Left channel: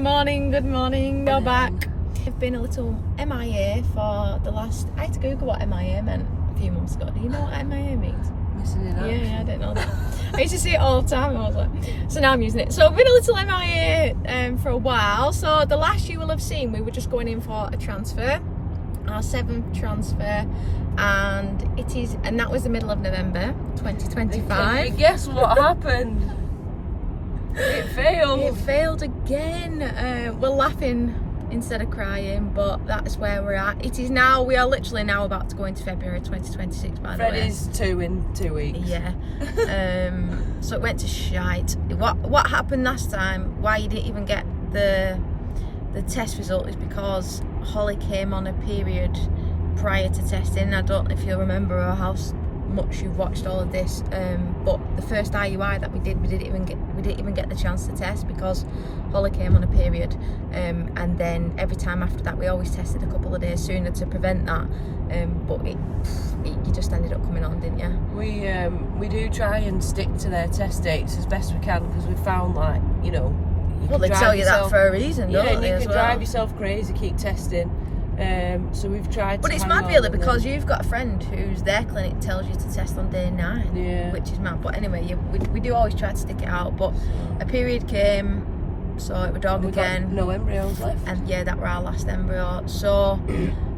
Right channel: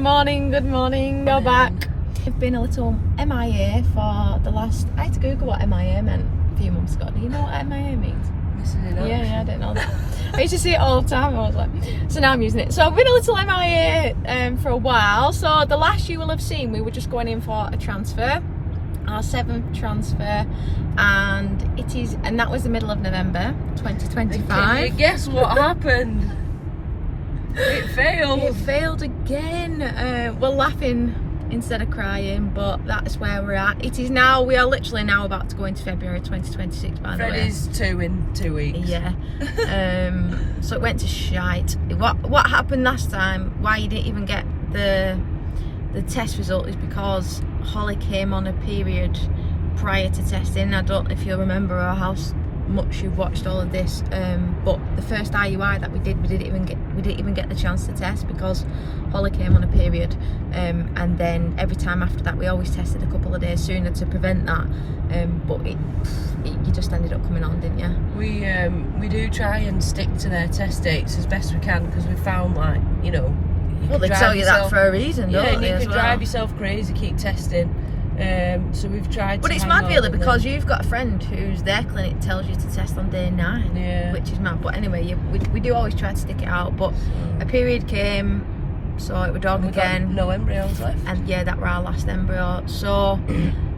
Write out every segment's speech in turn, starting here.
morning. You're back. I've been a little MIA for the last... I had to Google what MIA meant a few months ago. Do you know what MIA means? Missing in action. Yeah, I didn't know that. I used to see it all the time. I was like, so now I'm using it. So I've been a little MIA for a while. So the last you will have seen, we were just going in for a transfer, our 7th transfer, and that was the middle of November 2025. Guess what happened? It failed. It failed again. We're laughing instead of crying, but that's where we're at. It is now, we are literally now about to go into February 2026, by the way. Freddie's 2 in 2 weeks. Yeah. So it went to shite. What happened last time, why you didn't even get the test result, is because Holly came on a period prior to testing. I don't know if you'll remember or how much you've watched all of this, but the first IUI that we didn't even get the chance to test because Holly came on a period, and then every time after that we always tested a couple of days sooner to prevent that, but you just ended up coming on, didn't you? We do try and stick to their test dates as best we can, because we found, like, you know, well, they tell you that for a reason, don't they? You can drive yourself crazy, keep testing. So we've tried. But it's mad really, because you've got a friend whose their clinic tells you to test on day 9, yeah, which is mad. But anyway, we do always try to stick it out. But a period came, so it was dog again. No embryos left. And yeah, that were our last embryo. So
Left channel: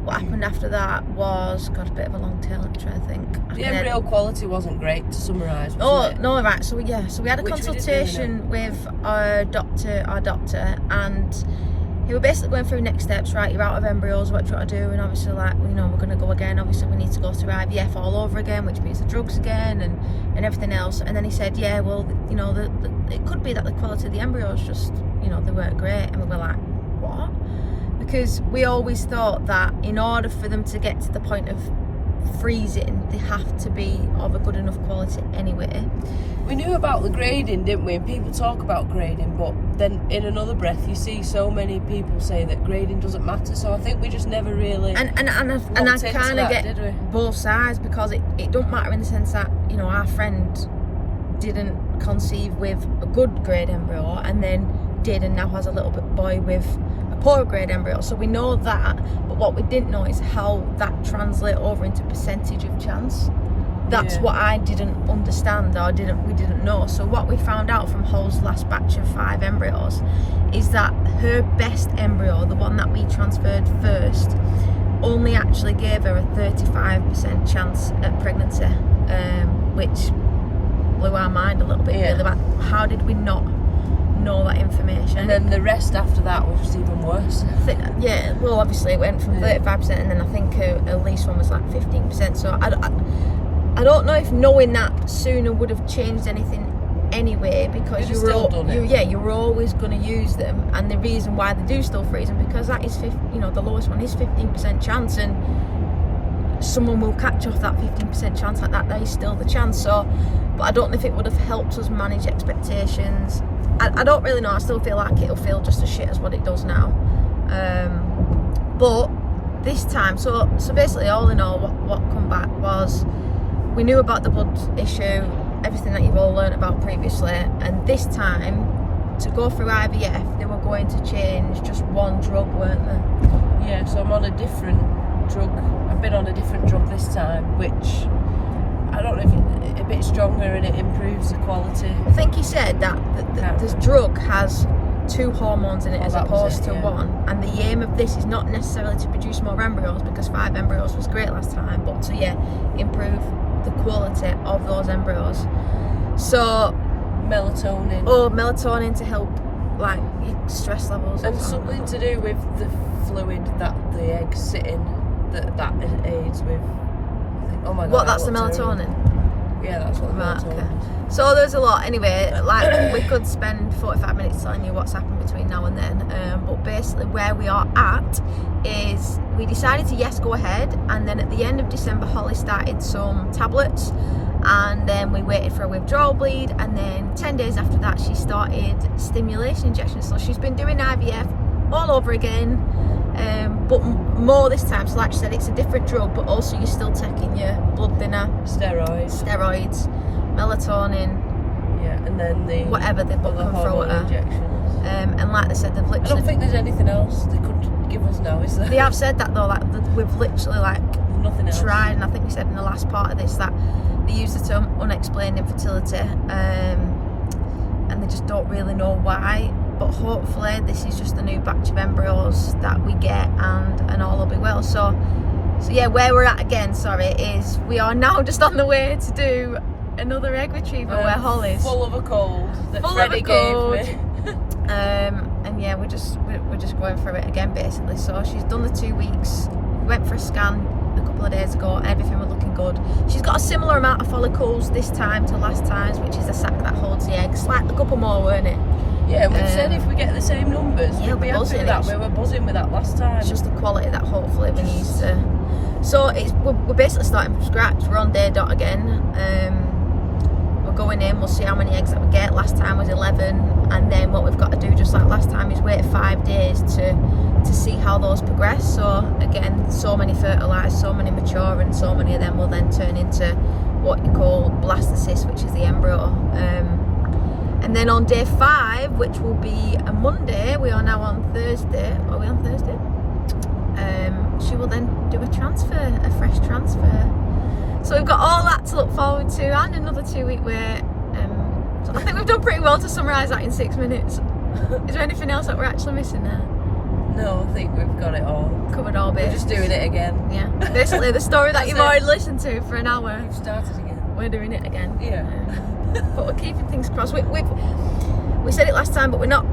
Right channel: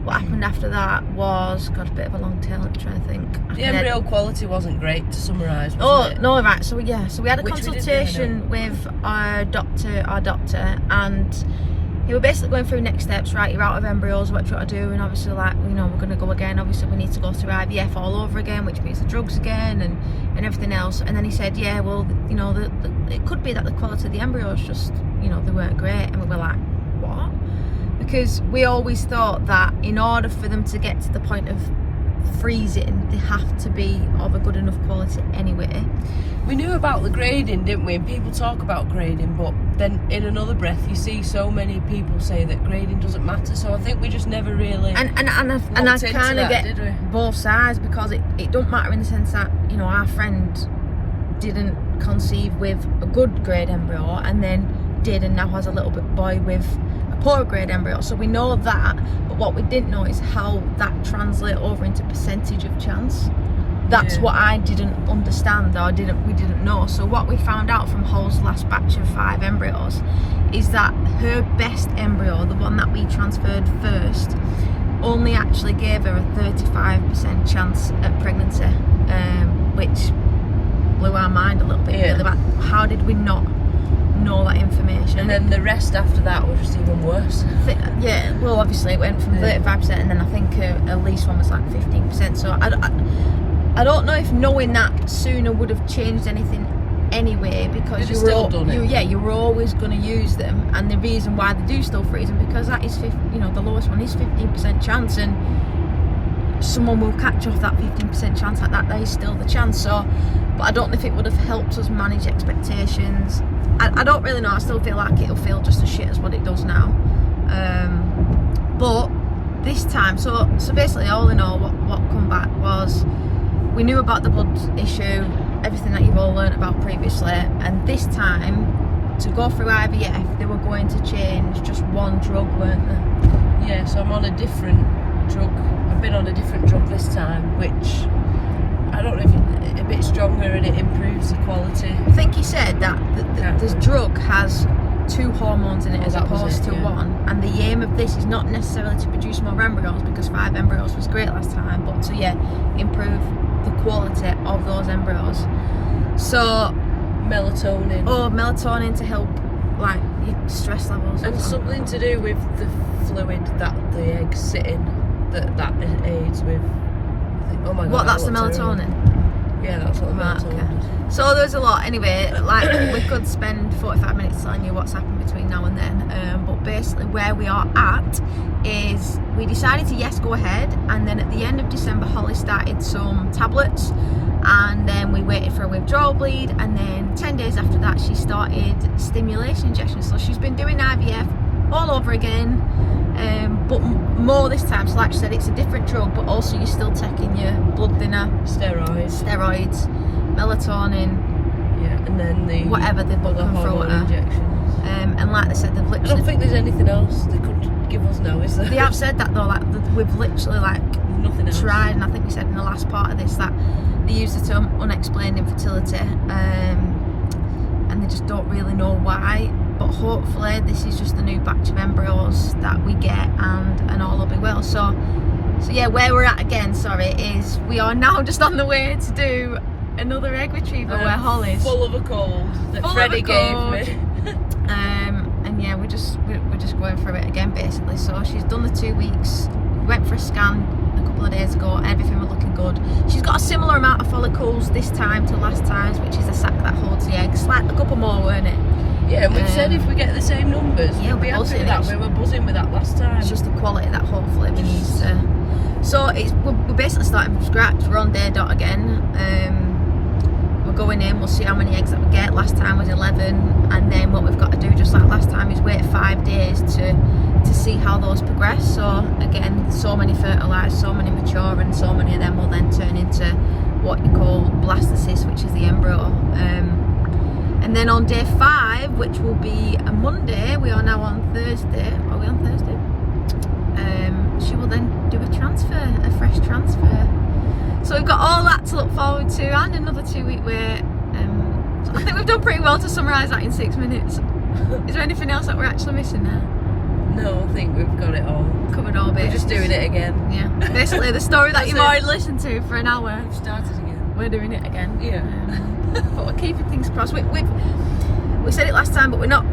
what happened after that was, got a bit of a long tail. I'm trying to think. The embryo quality wasn't great, to summarise. Oh no, right. So yeah, so we had a consultation with our doctor, and he was basically going through next steps. Right, you're out of embryos, what do you want to do? And obviously, like, you know, we're going to go again. Obviously, we need to go through IVF all over again, which means the drugs again and everything else. And then he said, yeah, well, you know, it could be that the quality of the embryos just, you know, they weren't great. And we were like, what? Because we always thought that in order for them to get to the point of freezing, they have to be of a good enough quality anyway. We knew about the grading, didn't we? And people talk about grading, but then in another breath you see so many people say that grading doesn't matter. So I think we just never really and I kind of get both sides, because it don't matter in the sense that, you know, our friend didn't conceive with a good grade embryo and then did, and now has a little boy with a poor grade embryo. So we know that, but what we didn't know is how that translates over into percentage of chance. That's what I didn't understand, or we didn't know. So what we found out from Hol's last batch of 5 embryos is that her best embryo, the one that we transferred first, only actually gave her a 35% chance at pregnancy, which blew our mind a little bit, really. About how did we not know that information? And then the rest after that was just even worse. Yeah, well, obviously it went from 35%, and then I think her least one was like 15%. So I don't know if knowing that sooner would have changed anything anyway, because you were always going to use them, and the reason why they do still freeze them, because that is the lowest one is 15% chance, and someone will catch off that 15% chance like that. That is still the chance. So, but I don't know if it would have helped us manage expectations. I don't really know. I still feel like it'll feel just as shit as what it does now. But this time, so basically, all in all, what come back was, we knew about the blood issue, everything that you've all learned about previously, and this time, to go through IVF, they were going to change just one drug, weren't they? Yeah, so I'm on a different drug. I've been on a different drug this time, which I don't know if it's a bit stronger and it improves the quality. I think he said that this drug has 2 hormones in it as opposed to 1, and the aim of this is not necessarily to produce more embryos, because 5 embryos was great last time, but to improve the quality of those embryos. So melatonin to help, like, your stress levels, and something to do with the fluid that the eggs sit in, that aids with, I think, oh my god, what, that's the melatonin? Yeah, that's what the melatonin is. So there's a lot. Anyway, like, we could spend 45 minutes telling you what's happened between now and then, but basically where we are at is we decided to go ahead, and then at the end of December Holly started some tablets, and then we waited for a withdrawal bleed, and then 10 days after that she started stimulation injections. So she's been doing IVF all over again, but more this time. So like I said, it's a different drug, but also you're still taking your blood thinner, steroids, melatonin, and then the whatever they've put them through at her. And like they said, they've literally don't think there's anything else they could give us now, is there? They have said that though, like we've literally like Nothing else. tried, and I think we said in the last part of this that they use the term unexplained infertility, and they just don't really know why. But hopefully this is just the new batch of embryos that we get, and all will be well. So yeah, where we're at again, is we are now just on the way to do another egg retrieval where Holly's full of a cold that Freddie gave me. And yeah, we're just going through it again basically. So she's done the 2 weeks. We went for a scan a couple of days ago, and everything was looking good. She's got a similar amount of follicles this time to last time's, which is a sac that holds the eggs. Like a couple more, weren't it? Yeah, we've said if we get the same numbers, yeah, we'll be happy with that. We were buzzing with that last time. It's just the quality that hopefully we need to. So we're basically starting from scratch. We're on day dot again. We're going in, we'll see how many eggs that we get. Last time was 11, and then what we've got to do, just like last time, is wait 5 days to see how those progress. So again, so many fertilised, so many mature, and so many of them will then turn into what you call blastocysts, which is the embryo. And then on day 5, which will be a Monday, we are now on Thursday. Are we on Thursday? She will then do a transfer, a fresh transfer. So we've got all that to look forward to, and another 2-week wait. So I think we've done pretty well to summarise that in 6 minutes. Is there anything else that we're actually missing there? No, I think we've got it all. Covered all bits. We're just doing it again. Yeah. Basically, the story that you've already listened to for an hour. We've started again. We're doing it again. Yeah. But we're keeping things crossed. We said it last time, but we're not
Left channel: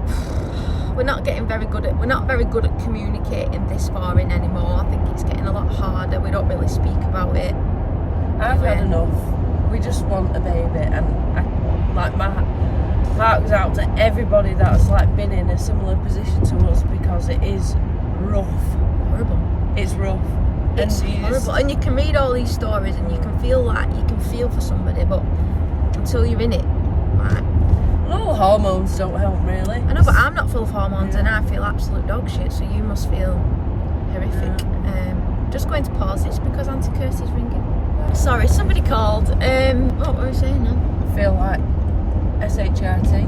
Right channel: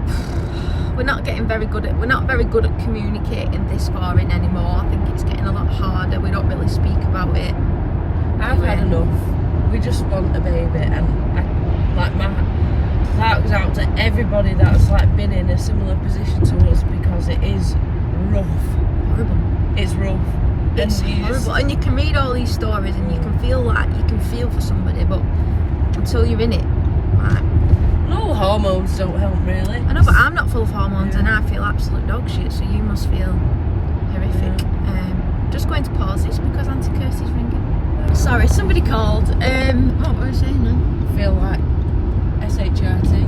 getting very good at. We're not very good at communicating this far in anymore. I think it's getting a lot harder. We don't really speak about it. I've had enough. We just want a baby, and my heart goes out to everybody that's like been in a similar position to us, because it is rough. Horrible. It's rough. It's horrible. And you can read all these stories, and you can feel for somebody, but until you're in it, like. No, hormones don't help really. I know, but I'm not full of hormones, and I feel absolute dog shit. So you must feel horrific. Just going to pause this because Auntie Kirsty's ringing. Sorry, somebody called. What were I saying now? I feel like SHRT.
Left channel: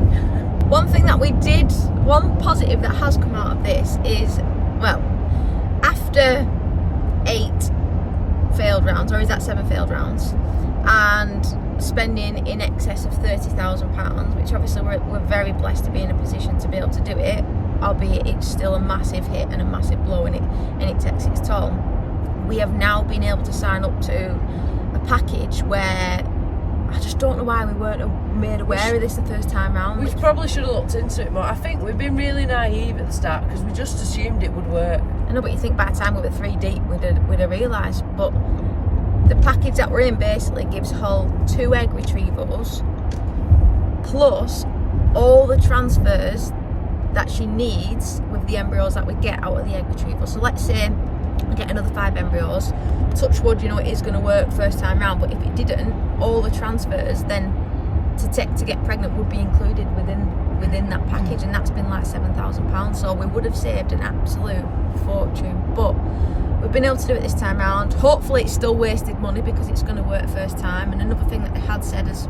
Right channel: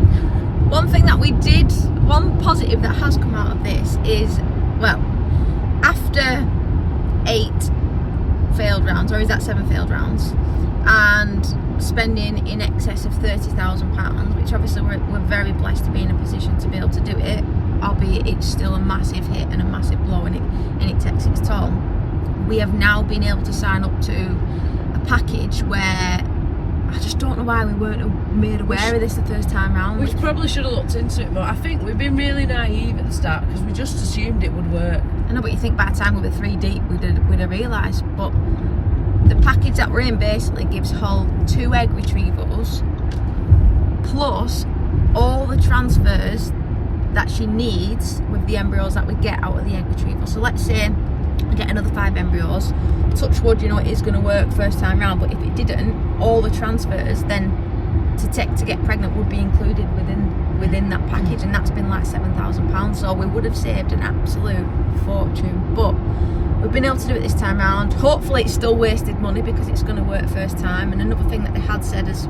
One thing that we did, one positive that has come out of this is, well, after 8 failed rounds, or is that 7 failed rounds, and spending in excess of £30,000, which obviously we're very blessed to be in a position to be able to do it, albeit it's still a massive hit and a massive blow, and it takes its toll. We have now been able to sign up to a package where I just don't know why we weren't made aware of this the first time round. We probably should have looked into it more. I think we've been really naive at the start because we just assumed it would work. I know, but you think by the time we were 3 deep we'd have realised. But the package that we're in basically gives Hull 2 egg retrievals plus all the transfers that she needs with the embryos that we get out of the egg retrieval. So let's say we get another 5 embryos, touch wood, you know, it is going to work first time round, but if it didn't, all the transfers then to get pregnant would be included within that package, and that's been like £7,000, so we would have saved an absolute fortune. But we've been able to do it this time round. Hopefully it's still wasted money because it's going to work first time. And another thing that they had said is,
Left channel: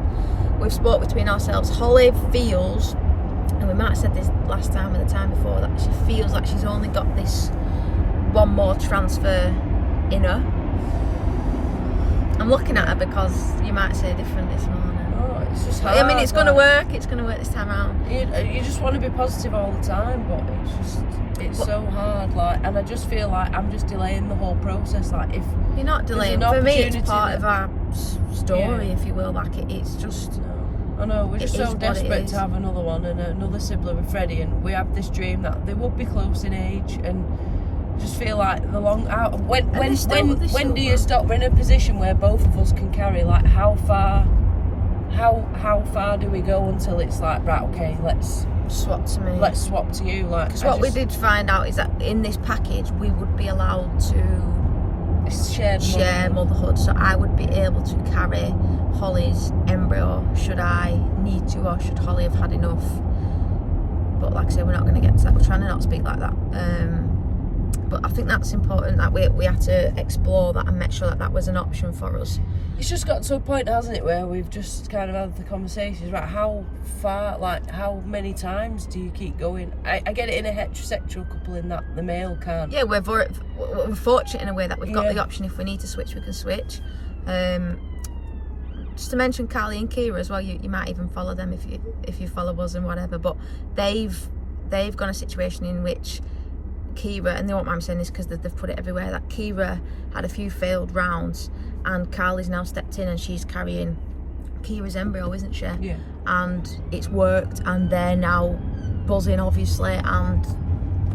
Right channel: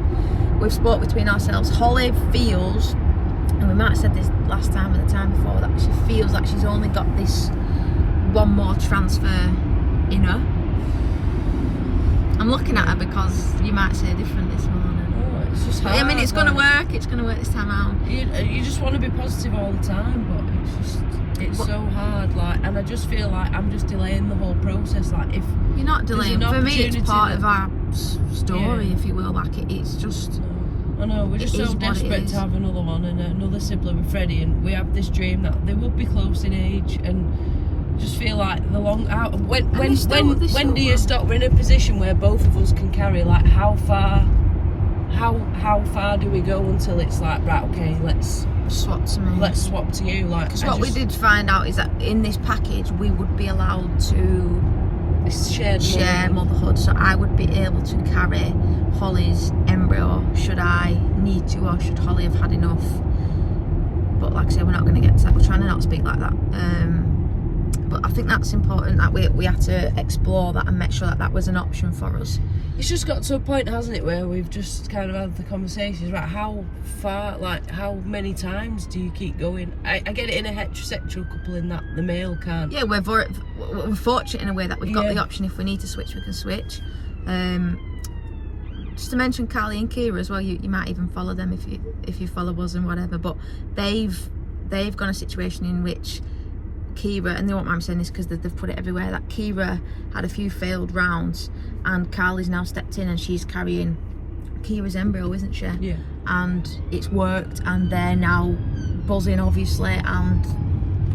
we've spoke between ourselves, Holly feels, and we might have said this last time or the time before, that she feels like she's only got this one more transfer in her. I'm looking at her because you might say different this morning. Oh, it's just hard. I mean, it's going to work. It's going to work this time around. You just want to be positive all the time, but it's so hard. Like, and I just feel like I'm just delaying the whole process. Like, if you're not delaying, for me, it's part of our story, if you will. Like, it's just. I know, we're just so desperate to have another one and another sibling with Freddie, and we have this dream that they would be close in age, and just feel like the long out. When do you stop? We're in a position where both of us can carry. Like, how far do we go until it's like, right, okay, let's swap to me. Let's swap to you. Like, because what we did find out is that in this package we would be allowed to share motherhood, so I would be able to carry Holly's embryo should I need to, or should Holly have had enough. But like I say, we're not going to get to that. We're trying to not speak like that. But I think that's important that we had to explore that and make sure that that was an option for us. It's just got to a point, hasn't it, where we've just kind of had the conversations, right, how far, like, how many times do you keep going? I get it in a heterosexual couple in that the male can't. Yeah, we're fortunate in a way that we've got the option, if we need to switch, we can switch. Just to mention Carly and Kira as well, you might even follow them if you follow us and whatever, but they've got a situation in which Kira, and they won't mind me saying this because they've put it everywhere, that Kira had a few failed rounds and Carly's now stepped in and she's carrying Kira's embryo, isn't she? Yeah. And it's worked and they're now buzzing, obviously, and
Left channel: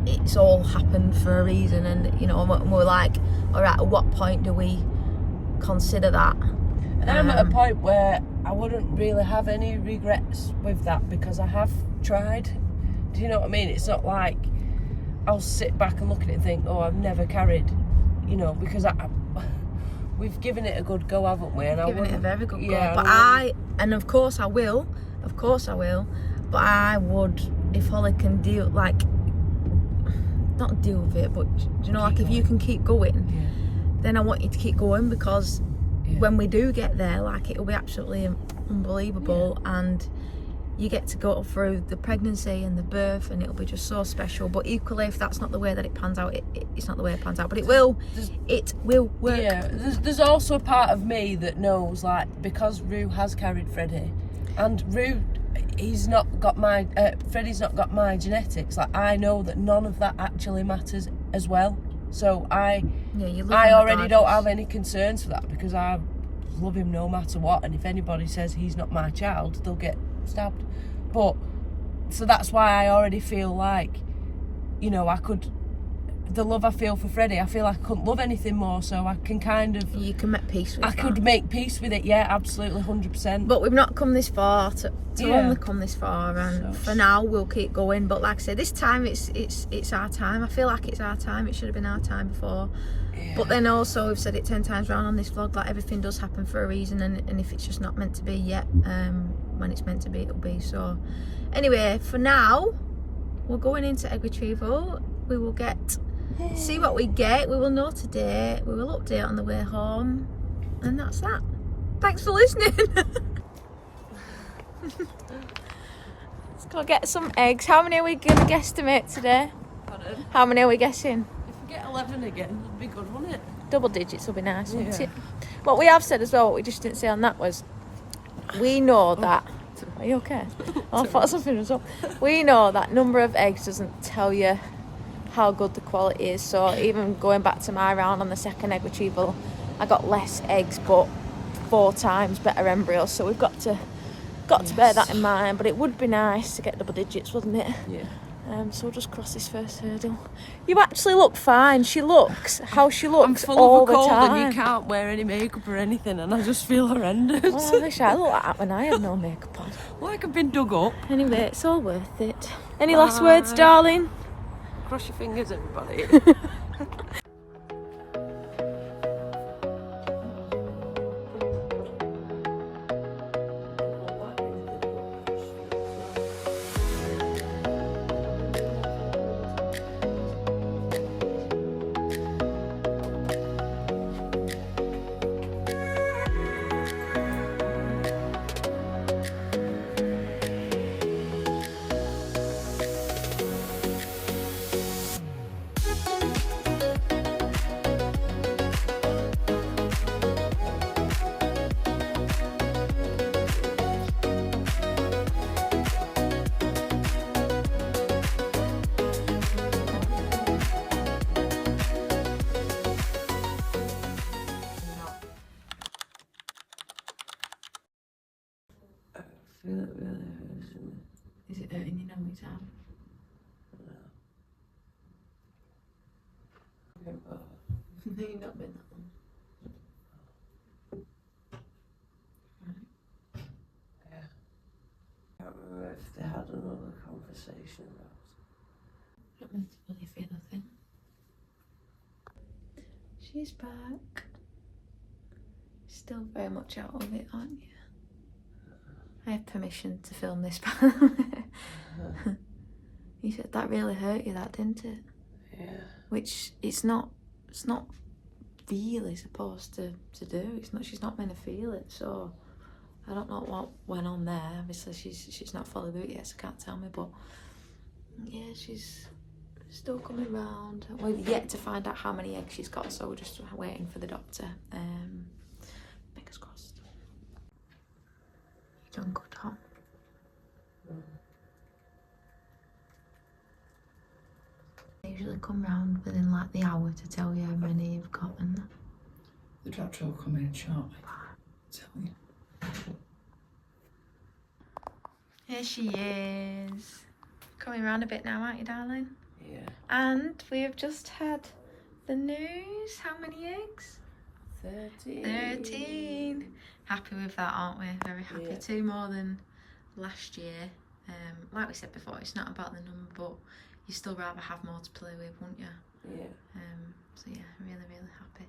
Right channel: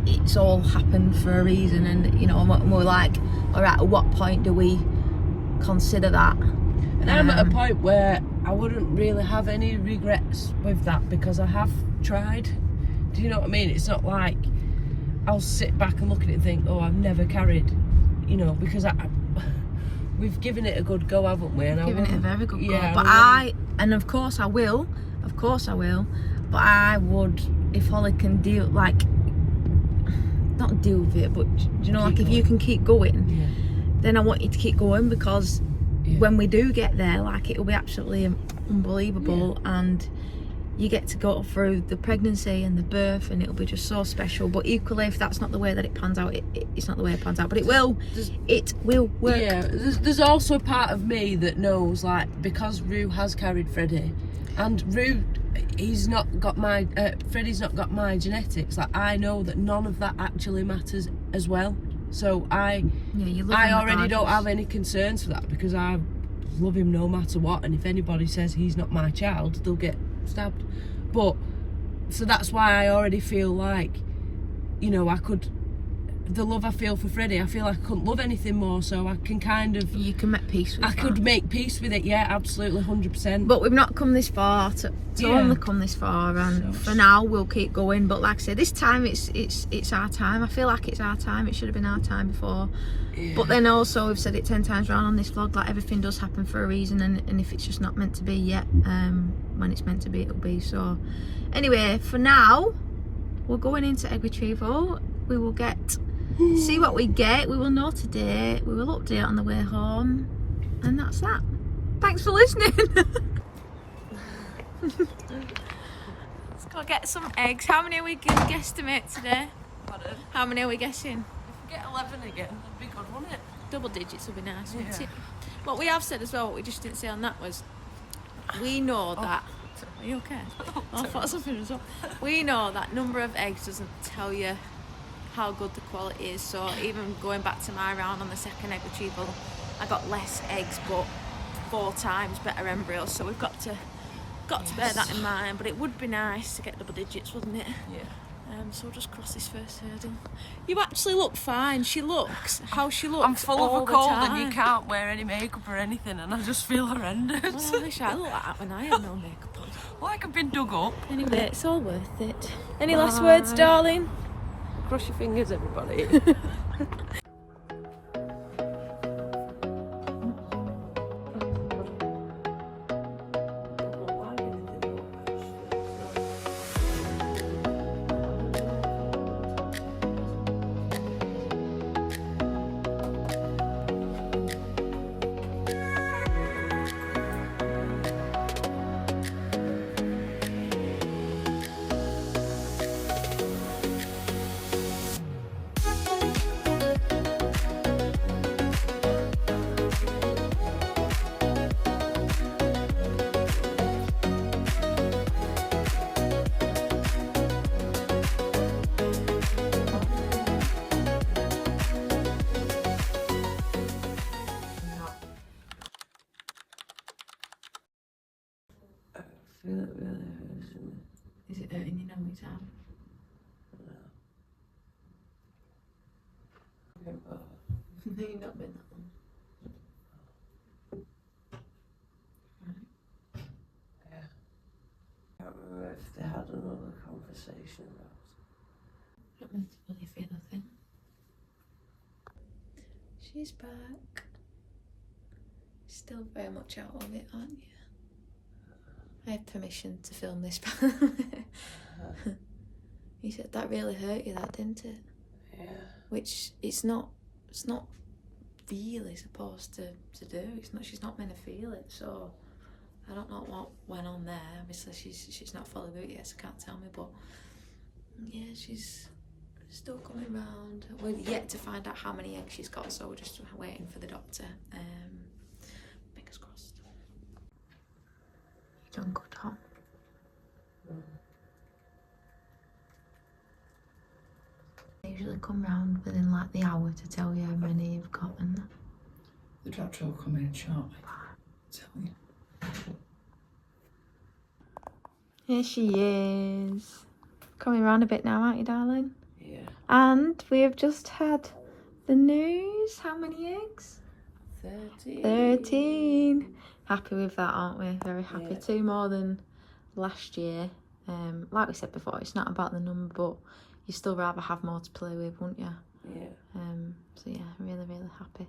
it's all happened for a reason. And, you know, we're like, all right, at what point do we consider that? And I'm at a point where I wouldn't really have any regrets with that because I have tried. Do you know what I mean? It's not like I'll sit back and look at it and think, oh, I've never carried, you know, because we've given it a good go, haven't we? And Given it a very good go. But of course I will, but I would, if Holly can deal, like, not deal with it, but, you know, like, if you can keep going, then I want you to keep going, because when we do get there, like, it'll be absolutely unbelievable, and you get to go through the pregnancy and the birth, and it'll be just so special. But equally, if that's not the way that it pans out, it's not the way it pans out, but it will work. Yeah, there's also a part of me that knows, like, because Rue has carried Freddie, and Rue, Freddie's not got my genetics, like, I know that none of that actually matters as well. So I already don't have any concerns for that, because I love him no matter what, and if anybody says he's not my child, they'll get stabbed. But so that's why I already feel like, you know, the love I feel for Freddie, I feel like I couldn't love anything more, so I can kind of... You can make peace with it. I could make peace with it, yeah, absolutely, 100%. But we've not come this far to only come this far, and for now we'll keep going. But like I say, this time it's our time. I feel like it's our time. It should have been our time before. Yeah. But then also, we've said it 10 times around on this vlog, like, everything does happen for a reason, and if it's just not meant to be yet, when it's meant to be, it'll be. So anyway, for now, we're going into egg retrieval. We will see what we get. We will know today. We will update on the way home, and that's that. Thanks for listening. Let's go get some eggs. How many are we going to guesstimate today? Pardon? How many are we guessing? If we get 11 again, that'd be good, wouldn't it? Double digits will be nice, wouldn't it? What we have said as well, what we just didn't say on that was, we know that... Are you okay? I thought something was up. We know that number of eggs doesn't tell you how good the quality is. So even going back to my round on the second egg retrieval, I got less eggs but 4 times better embryos. So we've got to bear that in mind. But it would be nice to get double digits, wouldn't it? Yeah. So we'll just cross this first hurdle. You actually look fine. She looks how she looks. I'm full all of a cold, the time. and you can't wear any makeup or anything, and I just feel horrendous. Oh, I wish I looked like that when I had no makeup on. Like I've been dug up. Anyway, it's all worth it. Any last words, darling? Cross your fingers, everybody. feel it really hurts me. Is it hurting you now, it's out? No. No, you've not been that long. Yeah. I can't remember if they had another conversation about it. Not meant to really feel nothing. She's back. Still very much out on it, aren't you? I have permission to film this part. You said that really hurt you, that, didn't it? Yeah. Which it's not really supposed to do. It's not. She's not meant to feel it. So I don't know what went on there. Obviously, she's not fully out yet, so can't tell me. But yeah, she's still coming round. We're yet to find out how many eggs she's got, so we're just waiting for the doctor. Fingers crossed. You done good, Tom? They usually come round within like the hour to tell you how many you've got, and the doctor will come in shortly. Tell you. Here she is. Coming round a bit now, aren't you, darling? Yeah. And we have just had the news. How many eggs? 13. Happy with that, aren't we? Very happy. Yeah. 2 more than last year. Like we said before, it's not about the number, but you'd still rather have more to play with, wouldn't you? Yeah. So yeah, really, really happy.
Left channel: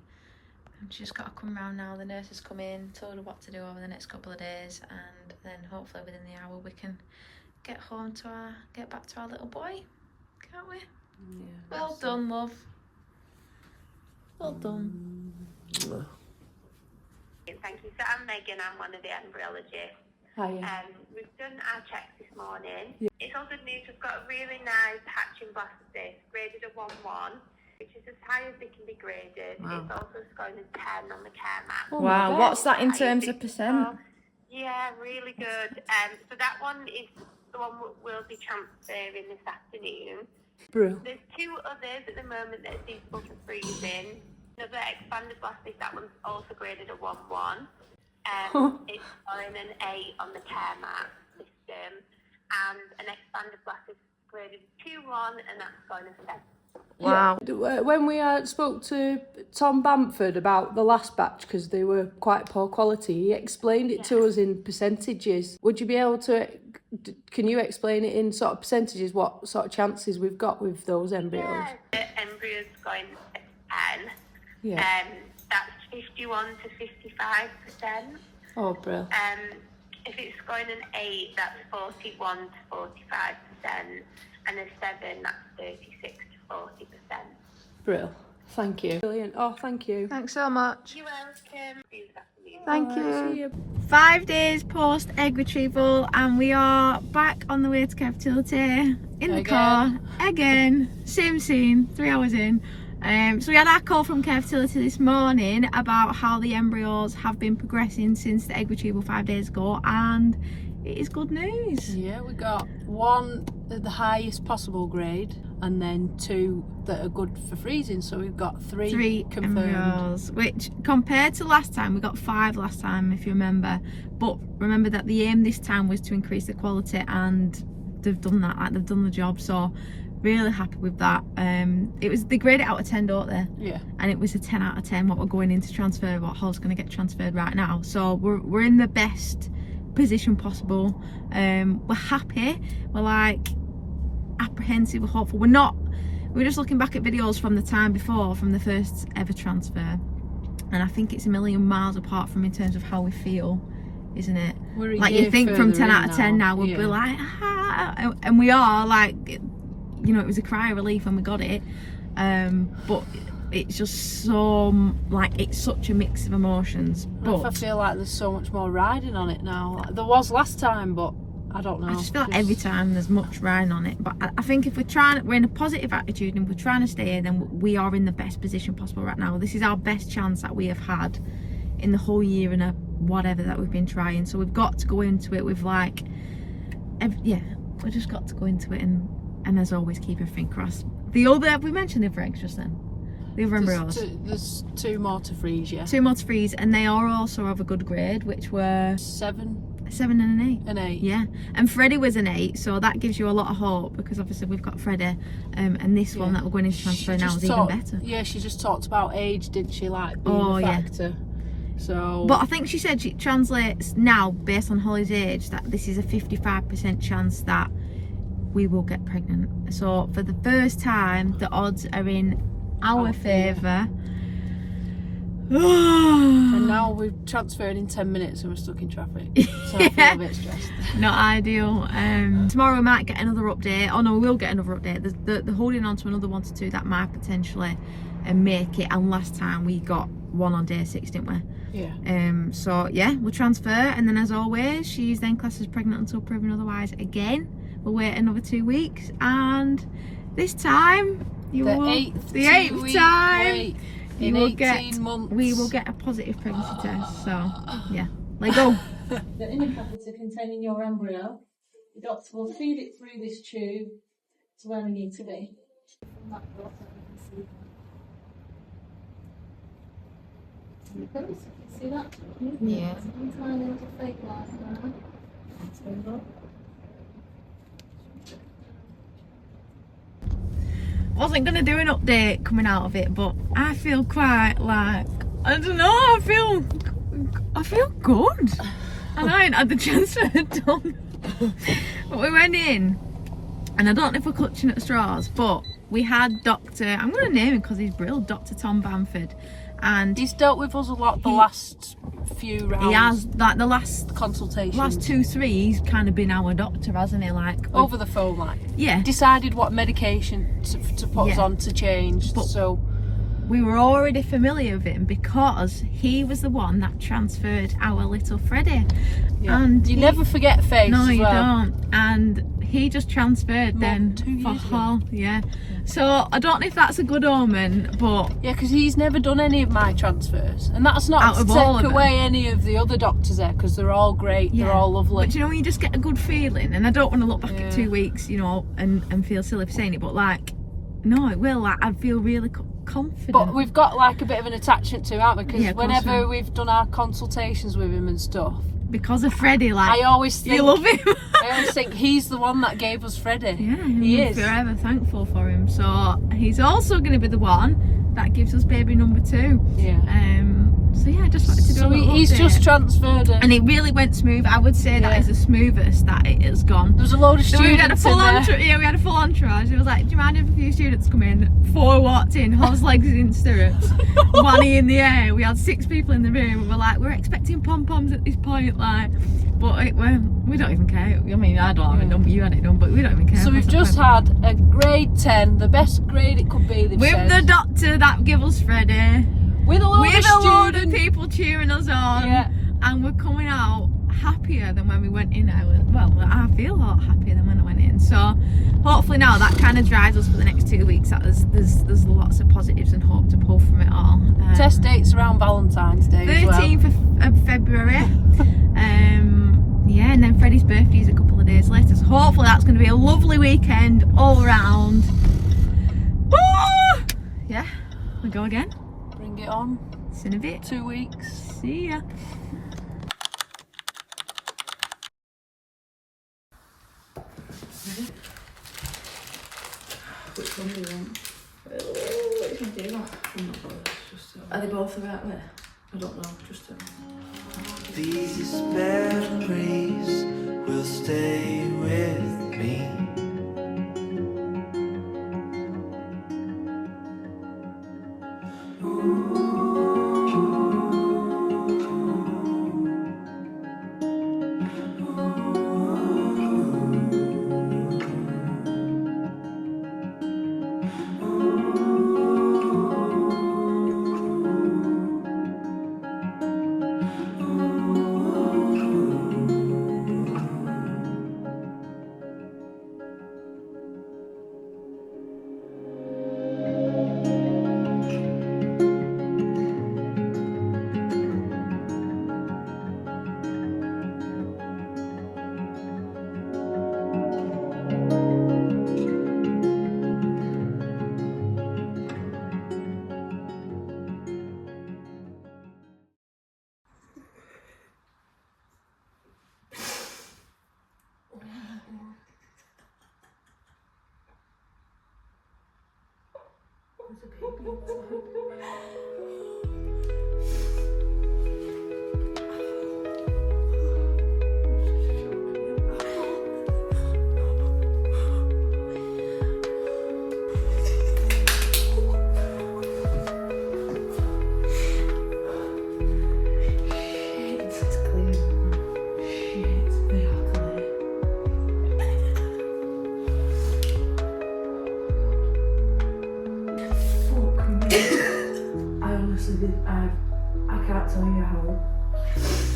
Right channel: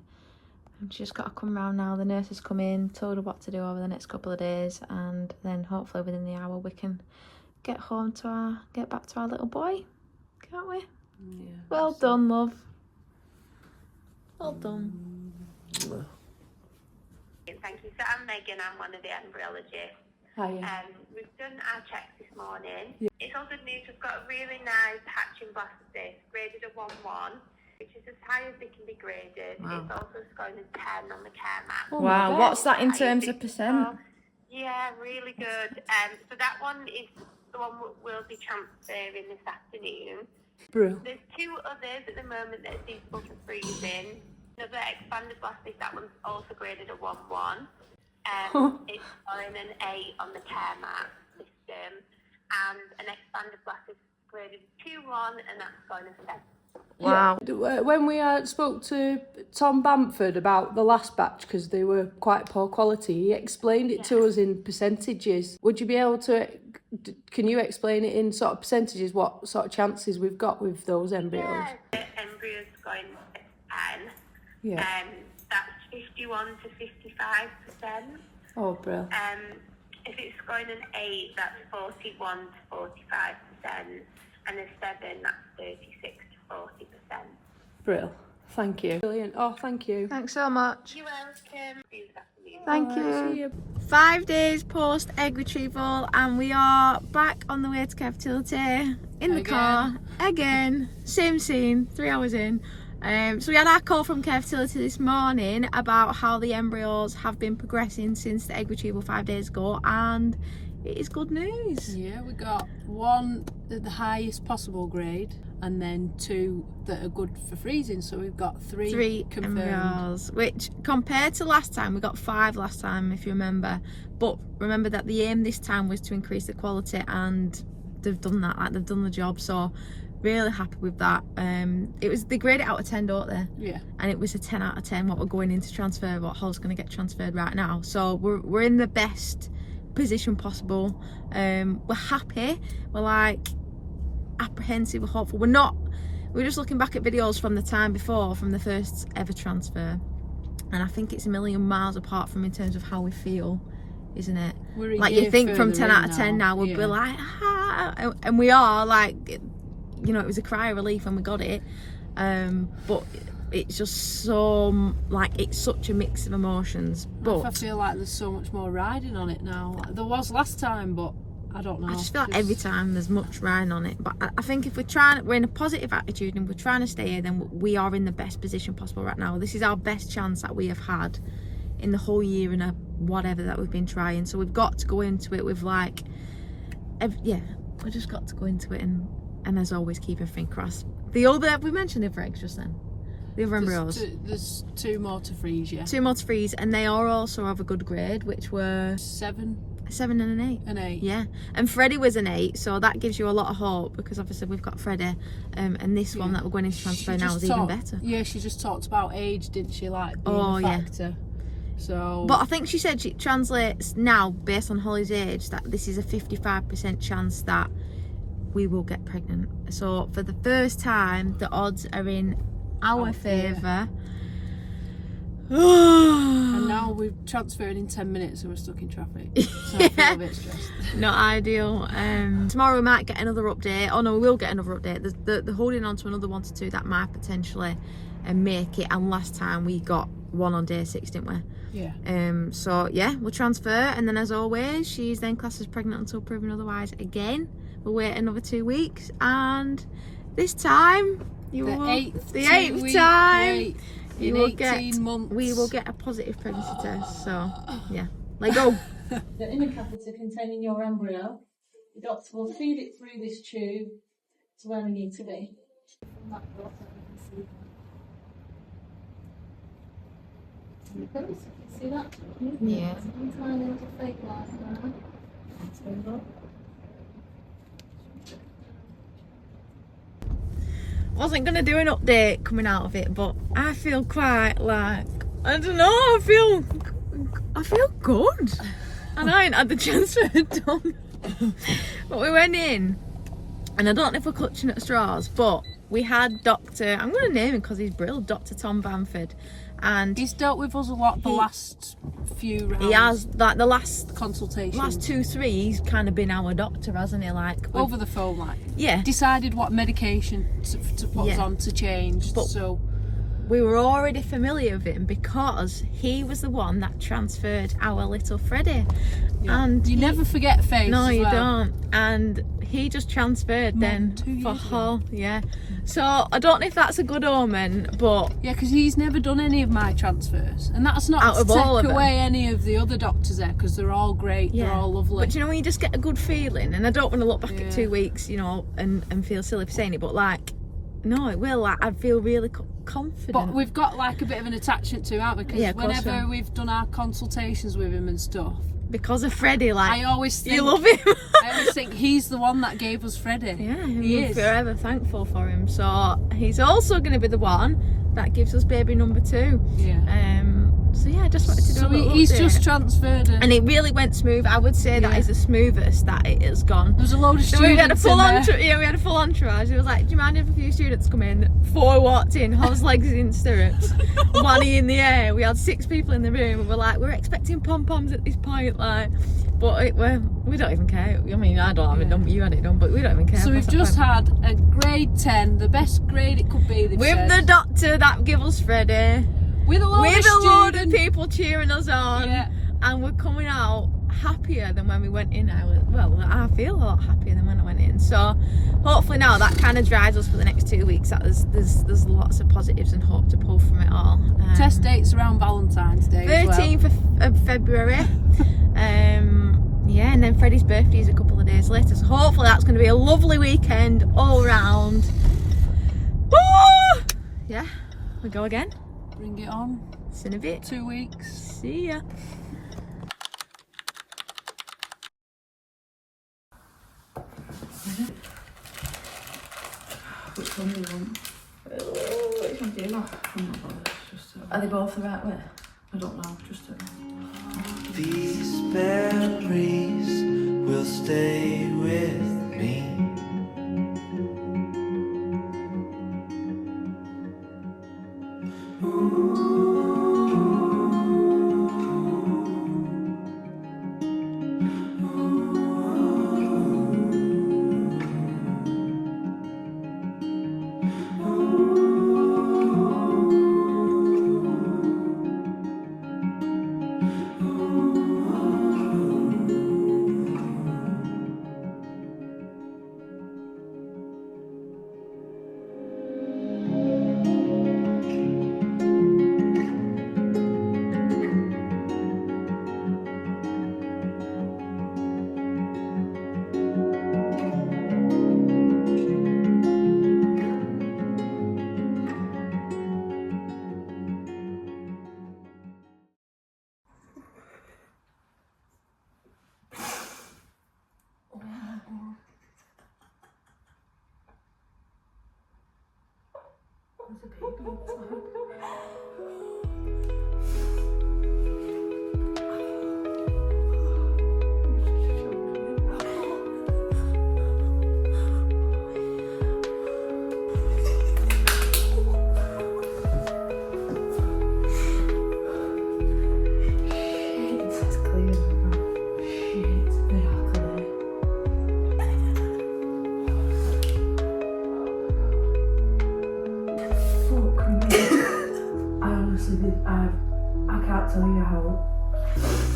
She's just got to come round now. The nurse has come in, told her what to do over the next couple of days, and then hopefully within the hour we can get back to our little boy, can't we? Yeah. Well done, love. Well done. Thank you. So I'm Megan. I'm one of the embryologists. Hiya. We've done our checks this morning. Yeah. It's all good news. We've got a really nice hatching blastocyst, graded a 1-1, which is as high as they can be graded. Wow. It's also scoring a 10 on the care map. Oh wow, what's that in terms of percent? Yeah, really good. So that one is the one we'll be transferring this afternoon. Brew. There's 2 others at the moment that are suitable for freezing. Another expanded blastocyst, that one's also graded a 1-1. It's scoring an 8 on the care map system. And an expanded blastocyst graded 2-1, and that's scoring a 7. Wow. Yeah. When we spoke to Tom Bamford about the last batch, because they were quite poor quality, he explained it to us in percentages. Would you be able to, can you explain it in sort of percentages, what sort of chances we've got with those embryos? Yeah, the embryo's going a 10. Yeah. That's 51 to 55%. Oh, brilliant. If it's going an 8, that's 41 to 45%. And a 7, that's 36 to 40%. Brilliant. Thank you. Brilliant. Oh, thank you. Thanks so much. You're welcome. See you this afternoon. Thank See you. you. 5 days post egg retrieval, and we are back on the way to care fertility in the car again. Same scene, 3 hours in. So we had our call from care fertility this morning about how the embryos have been progressing since the egg retrieval 5 days ago, and it is good news. Yeah, we got 1 at the highest possible grade, and then 2 that are good for freezing. So we've got 3 confirmed. Embryos, which compared to last time, we got 5 last time, if you remember. But remember that the aim this time was to increase the quality, and they've done that. Like, they've done the job. So really happy with that. It was, they grade it out of 10, don't they? Yeah. And it was a 10 out of 10 what we're going into transfer, what Hull's going to get transferred right now. So we're in the best position possible. We're happy. We're like apprehensive. We're hopeful. We're just looking back at videos from the time before, from the first ever transfer, and I think it's a million miles apart from in terms of how we feel, isn't it? Like, you think from 10 out of 10 now we'd be like, ah, and we are like, you know, it was a cry of relief when we got it, but it's just so, like, it's such a mix of emotions. But I feel like there's so much more riding on it now. Like, there was last time, but I don't know. I just feel like every time there's much riding on it. But I think if we're in a positive attitude and we're trying to stay here, then we are in the best position possible right now. This is our best chance that we have had in the whole year and a whatever that we've been trying. So we've got to go into it with like, yeah, we just got to go into it and as always, keep everything crossed. The other, we mentioned the other eggs just then. The other embryos. There's 2 more to freeze, yeah. 2 more to freeze, and they are also of a good grade, which were 7 and an 8. An 8. Yeah, and Freddie was an 8, so that gives you a lot of hope, because obviously we've got Freddie, and this one that we're going into transfer now is even better. Yeah, she just talked about age, didn't she? Like being a factor. Yeah. So. But I think she said she translates now based on Holly's age that this is a 55% chance that we will get pregnant. So for the first time, the odds are in our favour. And now we've transferred in 10 minutes and we're stuck in traffic. So I feel a bit stressed. Not ideal. Tomorrow we might get another update. Oh no, we will get another update. They're holding on to another 1 to 2 that might potentially make it. And last time we got one on day 6, didn't we? Yeah. So yeah, we'll transfer, and then as always, she's then classed as pregnant until proven otherwise. Again, we'll wait another 2 weeks, and this time The eighth time in 18 months. we will get a positive pregnancy test. So yeah, let go. The inner catheter containing your embryo. The doctor will feed it through this tube to where we need to be. See that? Yeah. Tiny little fake light there. Wasn't gonna do an update coming out of it, but I feel quite like, I don't know, I feel good. And I ain't had the transfer done. But we went in, and I don't know if we're clutching at straws, but we had Dr. I'm gonna name him because he's brilliant, Dr. Tom Bamford. And he's dealt with us a lot the last few rounds. He has, like the last consultations. Last 2-3, he's kind of been our doctor, hasn't he? Like over the phone, like. Yeah. Decided what medication to put us on to change. But so we were already familiar with him because he was the one that transferred our little Freddie. Yeah. And you never forget face. No, as you well. don't. And he just transferred then for her. Yeah. So I don't know if that's a good omen, but yeah, because he's never done any of my transfers, and that's not to take away any of the other doctors there, because they're all great, they're all lovely. But you know when you just get a good feeling, and I don't want to look back at 2 weeks, you know, and feel silly for saying it, but like, no, it will. Like, I feel really confident. But we've got like a bit of an attachment to him, haven't we? Because whenever we've done our consultations with him and stuff. Because of Freddie, like, I always think, you love him. I always think he's the one that gave us Freddie. Yeah, he is. Forever thankful for him. So he's also going to be the one that gives us baby number 2. Yeah. So yeah, I just wanted to do a little he's update. just transferred it. And it really went smooth. I would say that is the smoothest that it has gone. There was a load of students. We had a full entourage. It was like, do you mind if a few students come in? 4 walked in, horse legs in stirrups, wanny in the air. We had 6 people in the room, and we're like, we're expecting pom-poms at this point, like, but we don't even care. I mean, I don't have it done, but you had it done, but we don't even care. So we've just had a grade 10, the best grade it could be. With the doctor that gave us Freddie. With a load of people cheering us on, and we're coming out happier than when we went in. I feel a lot happier than when I went in. So hopefully now that kind of drives us for the next 2 weeks. That there's lots of positives and hope to pull from it all. Test dates around Valentine's Day. 13th of February. Yeah, and then Freddie's birthday is a couple of days later. So hopefully that's going to be a lovely weekend all round. Woo! Yeah, we go again. Bring it on. See you in a bit. 2 weeks. See ya. Which one do you want? Which one do you want? I'm not bothered. Just Are they both the right way? I don't know. Just These memories will stay with me. tell you how.